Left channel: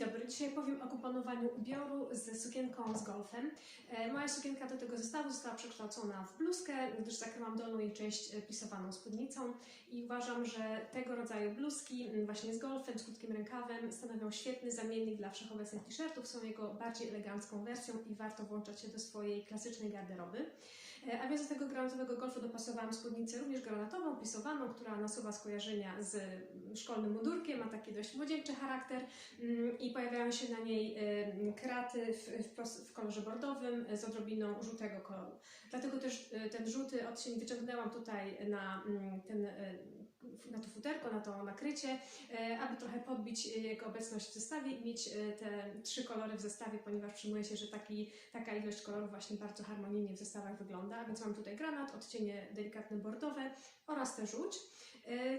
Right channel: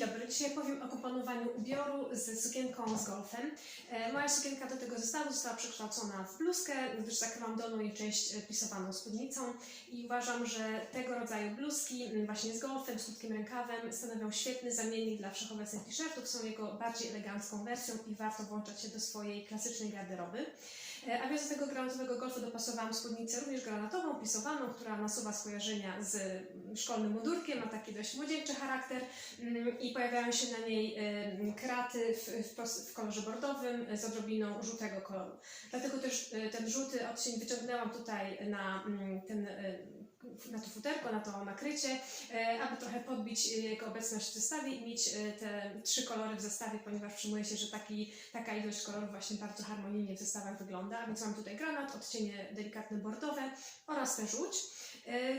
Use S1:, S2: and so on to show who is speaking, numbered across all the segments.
S1: dobry, dzisiaj powiem o komponowaniu ubioru z sukienką z golfem. E, Moja sukienka do tego zestawu została przekształcona w bluzkę, gdyż zakryłam dolną jej część e, pisowaną spódnicą i uważam, że tego rodzaju bluzki właśnie z golfem, z krótkim rękawem stanowią świetny zamiennik dla wszechobecnych t-shirtów, są jego bardziej elegancką wersją i warto włączać się do swojej klasycznej garderoby. E, A więc do tego granatowego golfu dopasowałam spódnicę również granatową, pisowaną, która nasuwa skojarzenia z mm, szkolnym mundurkiem, ma taki dość młodzieńczy charakter mm, i pojawiają się na niej em, kraty w, kolorze bordowym e, z odrobiną żółtego koloru. Dlatego też e, ten żółty odcień wyciągnęłam tutaj na mm, ten e, na to futerko, na to nakrycie, e, aby trochę podbić e, jego obecność w zestawie i mieć e, te trzy kolory w zestawie, ponieważ przyjmuje się, że taki, taka ilość kolorów właśnie bardzo harmonijnie w zestawach wygląda. Więc mam tutaj granat, odcienie delikatne bordowe oraz tę żółć.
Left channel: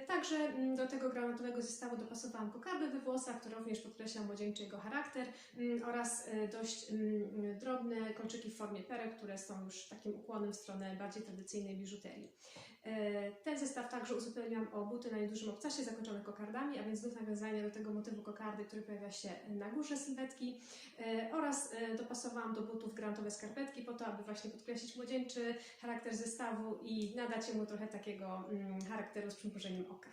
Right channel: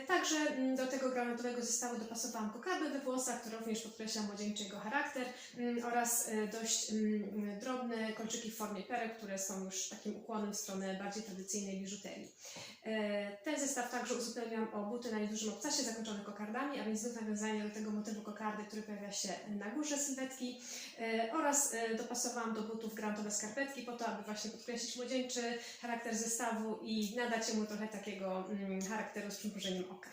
S1: Także mm, do tego granatowego zestawu dopasowałam kokardy we włosach, które również podkreśla młodzieńczy jego charakter mm, oraz dość mm, drobne kolczyki w formie perek, które są już takim ukłonem w stronę bardziej tradycyjnej biżuterii. E, Ten zestaw także uzupełniam o buty na niedużym obcasie zakończone kokardami, a więc znów nawiązanie do tego motywu kokardy, który pojawia się na górze sylwetki e, oraz e, dopasowałam do butów granatowe skarpetki po to, aby właśnie podkreślić młodzieńczy charakter zestawu i nadać mu trochę takiego mm, charakteru z przymrużeniem oka.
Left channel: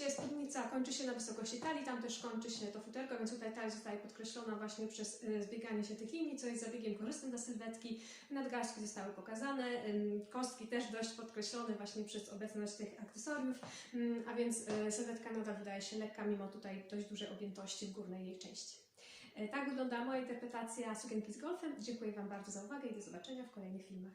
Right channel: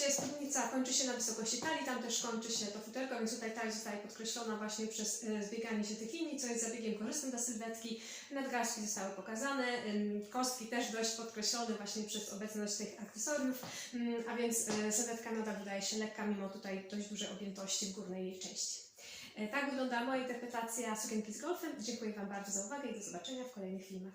S1: Oczywiście spódnica kończy się na wysokości talii, tam też kończy się to futerko, więc tutaj talia zostaje podkreślona właśnie przez e, zbieganie się tych linii, co jest zabiegiem korzystnym dla sylwetki. Nadgarstki zostały pokazane, kostki też dość podkreślone właśnie przez obecność tych akcesoriów, ym, a więc e, sylwetka nadal wydaje się lekka, mimo tutaj dość dużej objętości w górnej jej części. E, Tak wygląda moja interpretacja sukienki z golfem. Dziękuję Wam bardzo za uwagę i do zobaczenia w kolejnych filmach.